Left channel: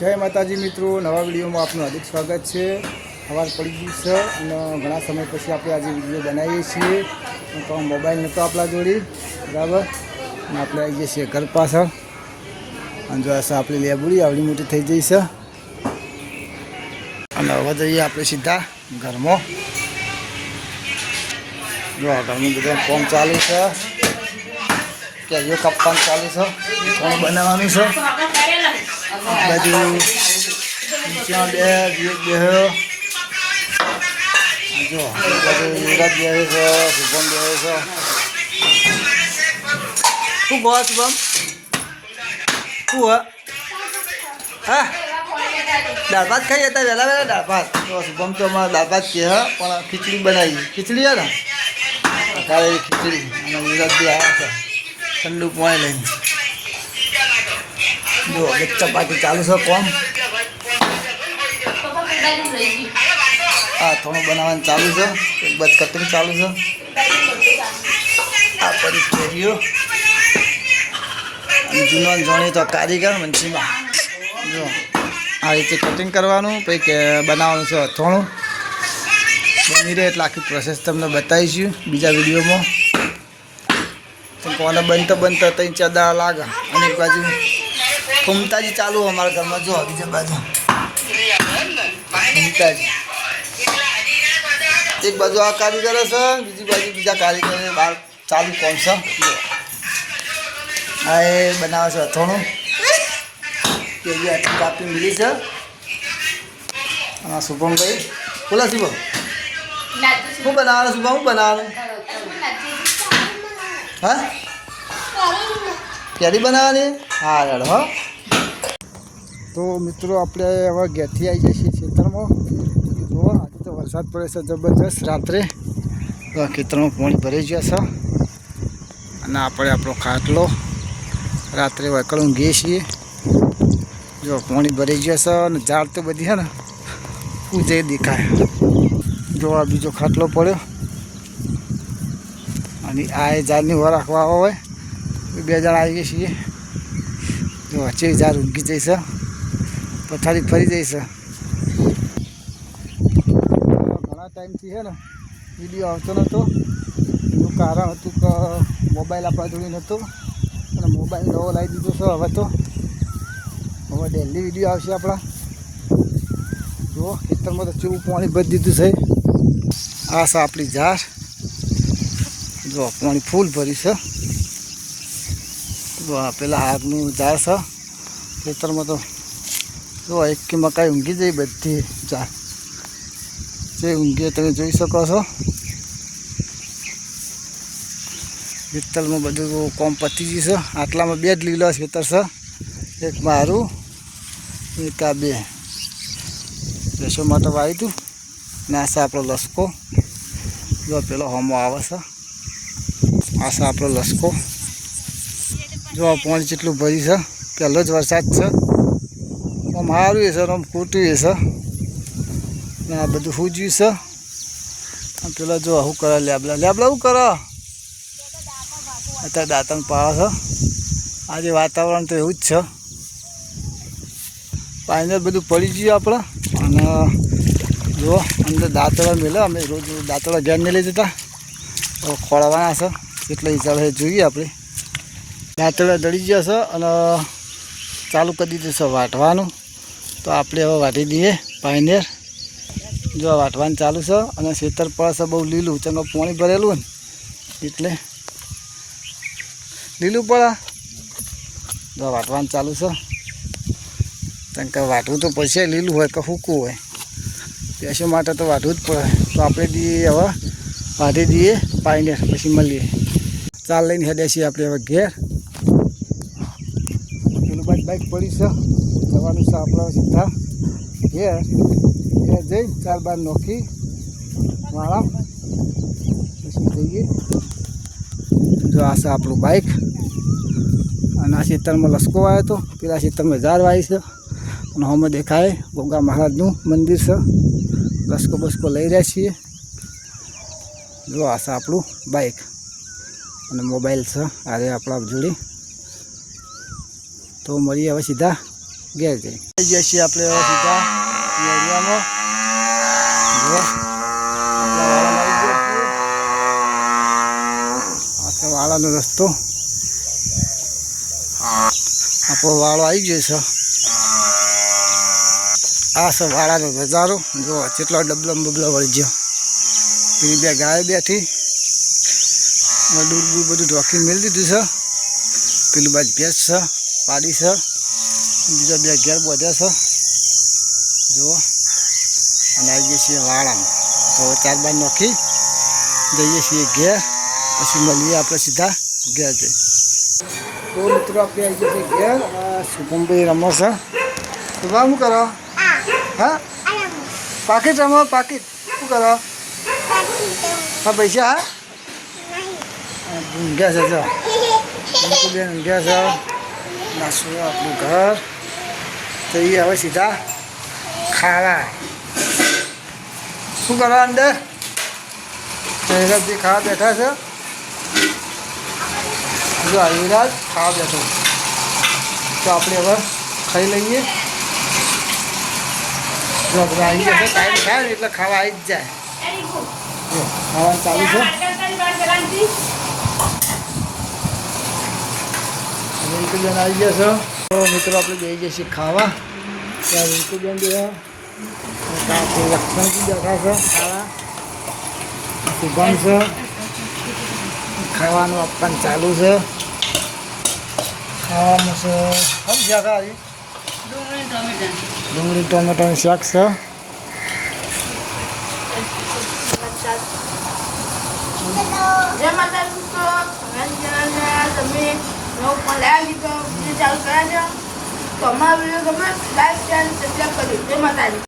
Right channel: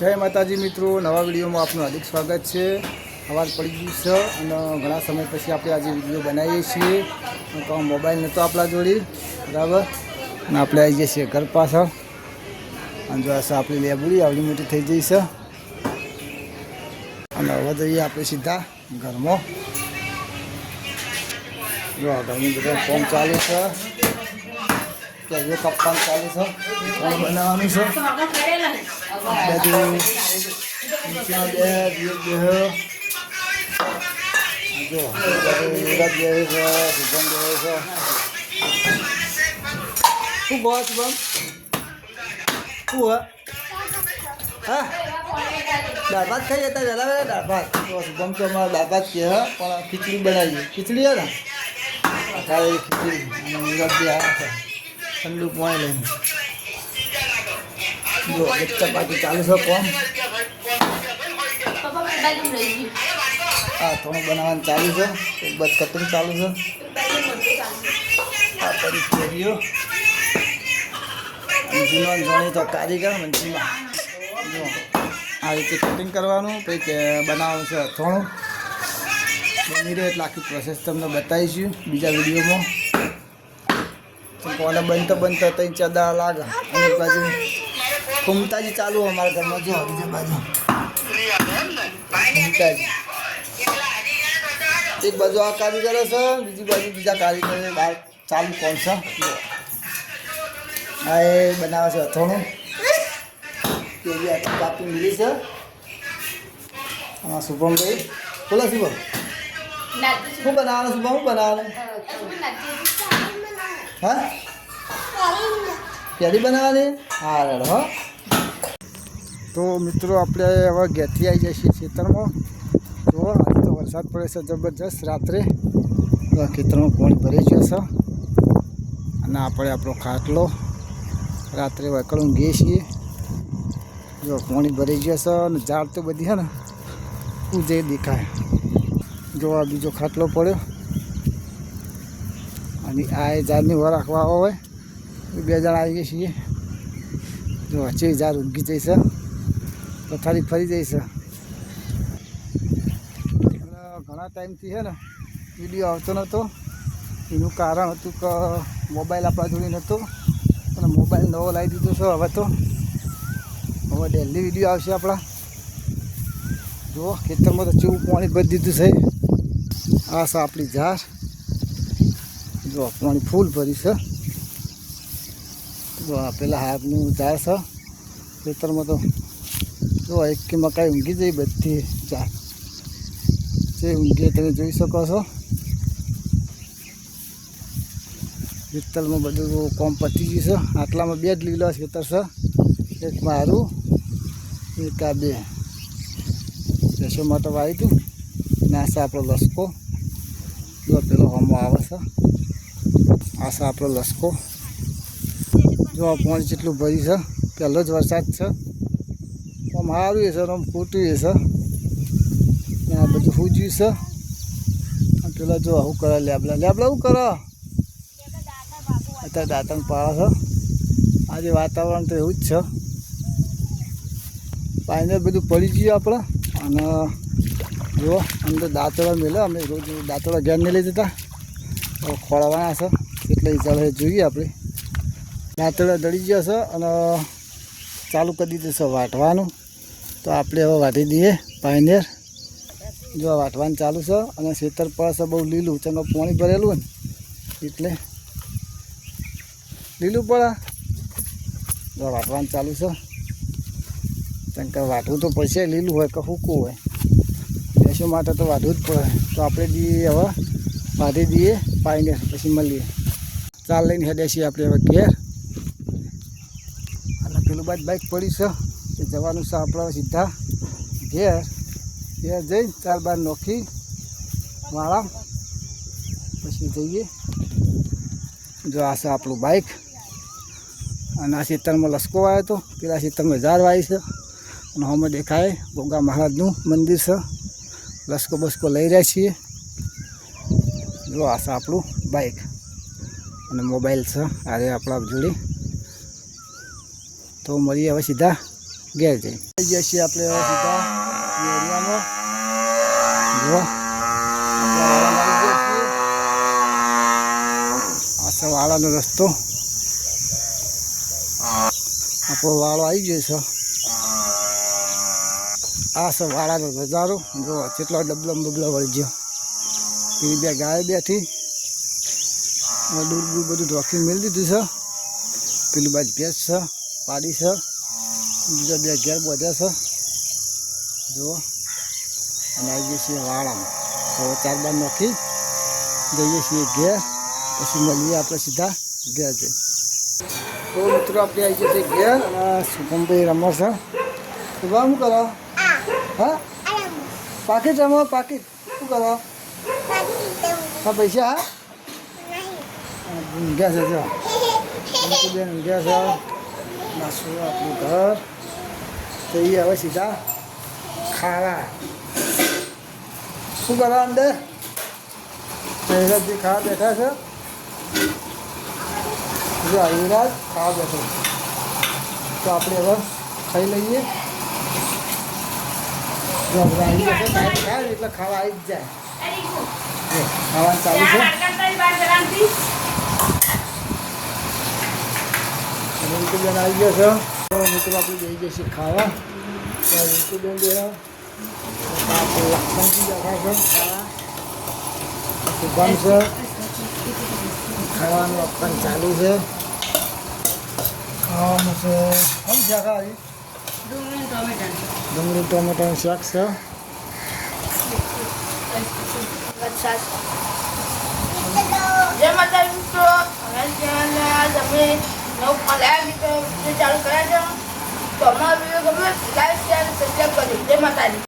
जय माताजी मित्रों, नवा विडियो में आपનું हार्दिक स्वागत है। अवाज पड़ी गई है और घना समय पछी आप आज विडियो बनावीए छीए। तो मोबाइल नतो आपला जोड़ी बराबर ने आपणे आई जईए घर पाछळ अने जो आशा आपणी लेबुड़ी आवड़ी मोटी थई जई छे अने हवे जईए आपणे सीधा घरमां। जो घरमां बधुं काम चालू छे, केरियो कापવાનું चालू छे, खाणું બનાવવાનું છે। बाजू नीचे बेह जो युवराज बेहे छे, शुभम बेहे छे। શું બોલ શુભમ? શું હા દાળ ભાત ખાઈ હતા વહેલા વહેલા દાળ ભાત તો શુભમ તો અમારા દાળ ભાત કહે પણ ખીચડી બનાવીએ। ખીચડી હે ને અત્યારે ખીચડી યુવરાજ બી આવ્યા છે ઠંડુ પાણી લઈને। जो बच्चा पार्टी चालू है कौन हाँ थोड़ा बनावा चालू है, एक बात कटिंग चालू है। आ परी केरियो जूनो जाने तो कारीगर मंची में जो आ रीते कटिंग करवानुं पछी बनाववानुं छे। हथोणुं बनी रहे एटले आखी प्रोसेस तमने बतावीशुं बीजा विडियो में। तो कोने बनता बनता 3-4 दाड़ा लागे। एक बाजू घूमताजी चालू हमारे घर में जो बीजा बाजू घूमताजी एक बाजू आ कारीगर है, बीजी बाजू बीजा कारीगर बार चालू कौन सा हाँ ये बनावे छे। हथोणुं केरियो आटली कापी मिली है। हाँ शुभम भाई बोला शुभम शू बनावे शुभम बनावे हाँ केरी बनावे हाँ लड़ हाँ। तो मित्रों अपने हवे घेरथी आई जाए खेतर में। तो वरसाद पड़े से जबरदस्त रात्रे तो खेतर में पानी भराई गया है और अपने आपणो खाटलो रात्रे वकल ऊँघीए छीए। जो पानी भराई गया है और झाड़ तो बधी है ना ऊँचे देखाय। जो आ बीजो खाटलो पड़ो और आ झाड़नी उभा राखवा होय बे जण आई गए छीए। जो अच्छे झाड़ ऊँघी जईश पथारी फरी जईश। घना टाइम थी है ना विडियो आवतो नतो एनुं कारण हतुं के मोबाइल आपणा जोड़े नतो अने मोबाइल नवो लावी दीधो छे। हवे तो हवे डेली विडियो आवशे आपणा। जो खेतरमां तो केवुं पाणी भरी दीधुं छे। आ छे आपणी झाड़ जो पाणी फूल भरी छे। जो आ पेला हाथનું झाड़ છે ખેતરમાં તો જો એક કે મકાઈ ઊંઘી જઈ બધી झाड़ જે ઊંઘી તમે જોઈ શકો છો। ખેતરમાં બધું કામ પતી ગયું છે। આટલામાં 2 જ લીલા ખેતર છે, એક મારું એક આ 2 ભેંસો માટે વાવી હતું ને આ છે આપણો લસકો। જો પેલો હમો આવે છે આ છે આપણો લસકો। जो पानी जेटलू भरी है पहलो ज वरसाद है आम सारू है आम खोटू है आ बधु सूज्यू है। पेला जो शू करे लेबला लेबला शू कर अत्यारे दांतण पावे छे। आज वातावरण तो एवं ज छे पानी बधु पड़ी गयुं आपणे अने जो अंदर दांतड़ा मेले अमे रोज दांतड़ा घेर नहीं लई जता तो खोळवाना छे એટલે हिसाबे जोईए आपणे। दांतड़ा दड़ी गया है और चालू कर दीधुं छे वाटवानुं। तो आपणे हवे वाटी दीए पायनेर। जो वाटवानुं चालू है और खेतर पड़े छे बहु लीलू चंगो पाणी भरेलुं ने एटले लीलू पड़े। जो वाटवानुं चालू है चंका वाटवुं तो पड़शे लीलू होय के सूकું होय एशो माटे तो वाटवुं ज पड़े। तो आपणे दीए हवे वाटी दीए पायनेर पछी मळीए। चाल लईने हेड्या छीए आपणे हवे घेर। बाइक पड़ी से जवानुं छे आपणे सीधा घेर घेर जई 4 बार नोखी वाळा पछी जईए। जो आ छे आपणुं बाइक अने आ खेतरमां लसको वाव्यो तो पेला खेतरमां झाड़ वावी छे अने हमे देखाय गोगा महाराजनुं मंदिर छे। लसको बसको लई रह्या छीए। जो आ छे आपणुं बाइक अने मोबाइल छे आ रे आपणा जोड़ी। तो मळीए हवे सीधा ઘેર જઈ આવી ગયા છીએ આપણે હવે સીધા એરિયામાં. આ તો વાળાનો રસ્તો, આપણો વાળો આવી ગયો છે. આ છે વાળાનો નજારો. જો કેટલો ડબલો બબલો વળી ગયો. પેલી બે ગાય બેઠી, દૂર દૂર બધું ઢોકીને મેળી દીધું છે. પેલું બાજુ ભેંસ છે, પાડી છે, બીજા બે ઘેર બધા છે. જુઓ, અને આવી જઈએ છીએ વાળામાં. તો 4 બાર નોખી જઈએ છીએ ઘેર, પછી મળીએ આપણે સીધા ઘેર જઈએ. તો મિત્રો આપણે આવી જઈએ છીએ ઘેર. શુભમભાઈ રમો છે. શુભમ શું કરો? હા, પાકીટ રમો. પાકીટ શું કરો? હા, પૈસા? હા, ગયા છે. જો બેન ગયા છે. નાસ્તો આપણું ઘર. તો એ હવે સીધા ખાવા. શું કરવા અંદર? જે ખાવા બેઠા છે. જો યુવરાજ ખાવા બેઠો. તો આપણે હવે ખાઈ લઈએ. જો આવી જશે એટલે ખાવા આવી જ જાય. ખાવાનું ચાલુ છે. રિંકુબેન આવી ગયા છે. તો મિત્રો આપણે જઈ જઈએ છીએ ખાવા. ત્યાં રિંકુબેન બે લક્ષ્મણજી બેઠા છે ખાવા. શુભમ છે. ખાવાનું આપવાનું ચાલુ છે. ખાવાનું છે ડુંગળી ટોમેટોનું શાક છે. ચાલુ કર્યા છે તો અમારા વિડીયો ગમે લાઈક શેર સબસ્ક્રાઈબ કરજો. જય માતાજી.